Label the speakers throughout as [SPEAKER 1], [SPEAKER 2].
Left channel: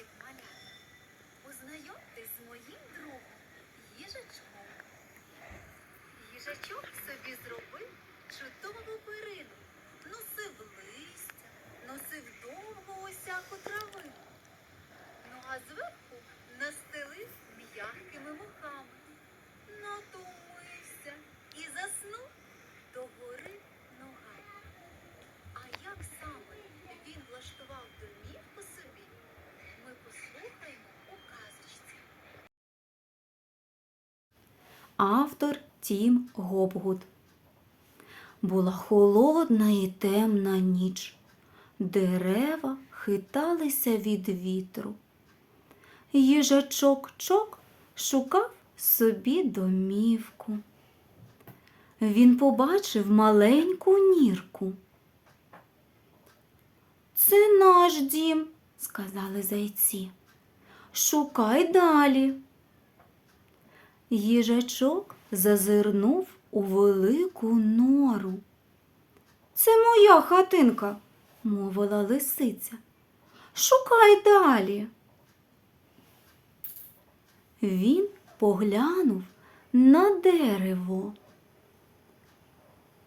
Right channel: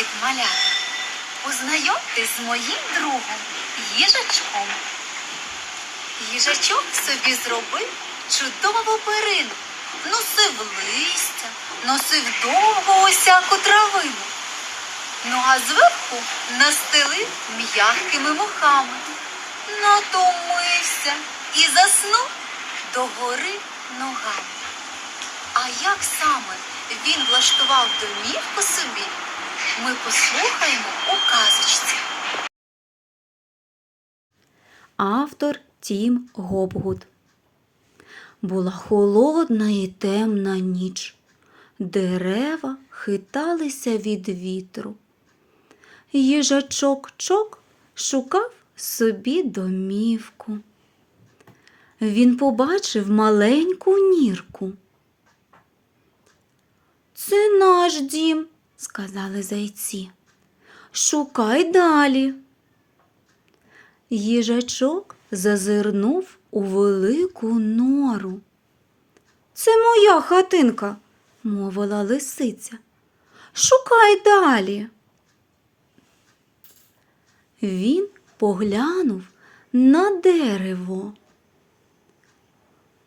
[SPEAKER 1] Привіт, малята! Познайомтесь з моїм другом, їжачком. Їжачок собі зробив чудову перину, носив листя, носив довго усяку травину. Ну а зверху настелив м'якими мохами, натомився і заснув догори ногами. А як саме він влаштував домівку собі, ми послухаємо у казочці.
[SPEAKER 2] Автор Тім Гобгуд. Була холодна і темна ніч. Дерева хиталися від вітру. Їжачок чок шукав собі домівку. Він побачив маленьку нірку. Це наш дім, сказали зайці. Шукай далі. Їжачок зазирнув у велику нору. Це моя хатинка, мовила лисиця. Шукай далі. Він поглянув на дерево.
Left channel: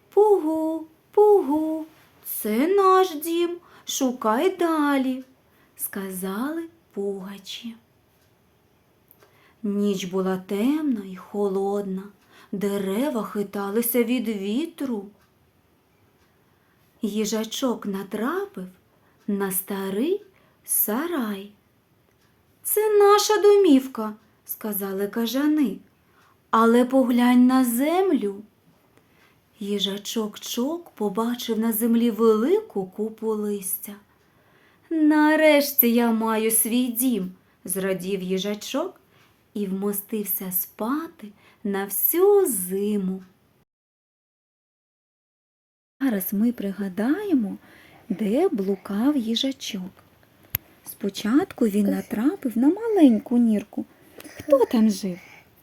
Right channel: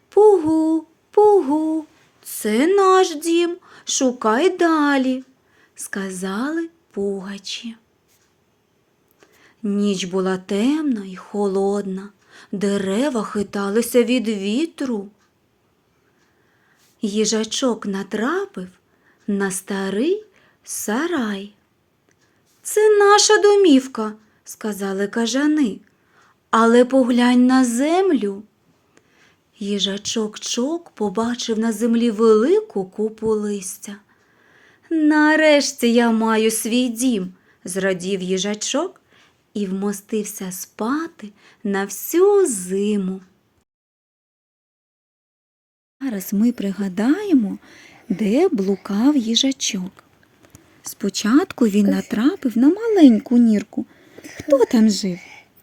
[SPEAKER 2] Пугу, пугу, це наш дім, шукай далі, сказали пугачі. Ніч була темна і холодна, дерева хиталися від вітру. Їжачок натрапив на старий сарай. Це наша домівка, сказали кажани, але поглянь на землю. Їжачок чок побачив на землі велику купу листя. Нарешті я маю свій дім, зрадів їжачок і вмостився спати на всю зиму. Зараз ми пригадаємо, де блукав їжачок. Спочатку він натрапив на маленьку нірку. Хто там жив?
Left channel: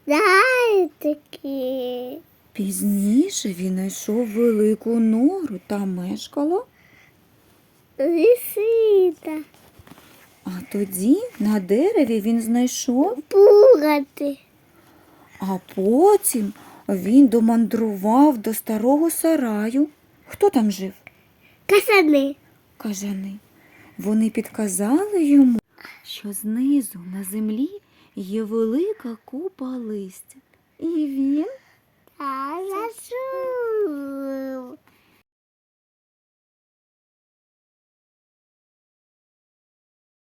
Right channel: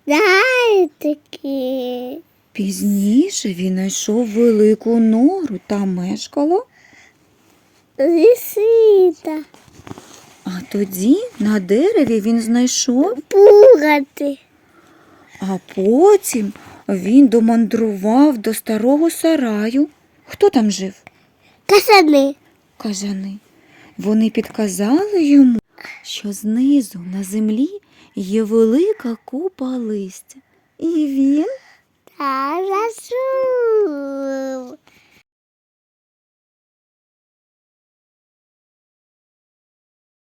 [SPEAKER 3] Зайчики.
[SPEAKER 2] Пізніше він знайшов велику нору та мешкала,
[SPEAKER 3] Лисита.
[SPEAKER 2] а тоді на дереві він знайшов,
[SPEAKER 3] Пугати.
[SPEAKER 2] а потім він домандрував до старого сараю. Хто там жив?
[SPEAKER 3] Касани.
[SPEAKER 2] кажани. Вони підказали йому, що знизу на землі є велика купа листя. І він
[SPEAKER 3] Та.